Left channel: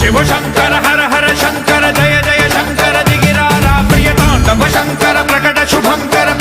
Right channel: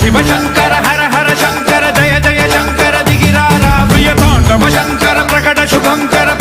शिव शंकर हर हर शंकर जय जय शंकर दिगिरा रामय तांडव शंकर प्रकट शुभंकर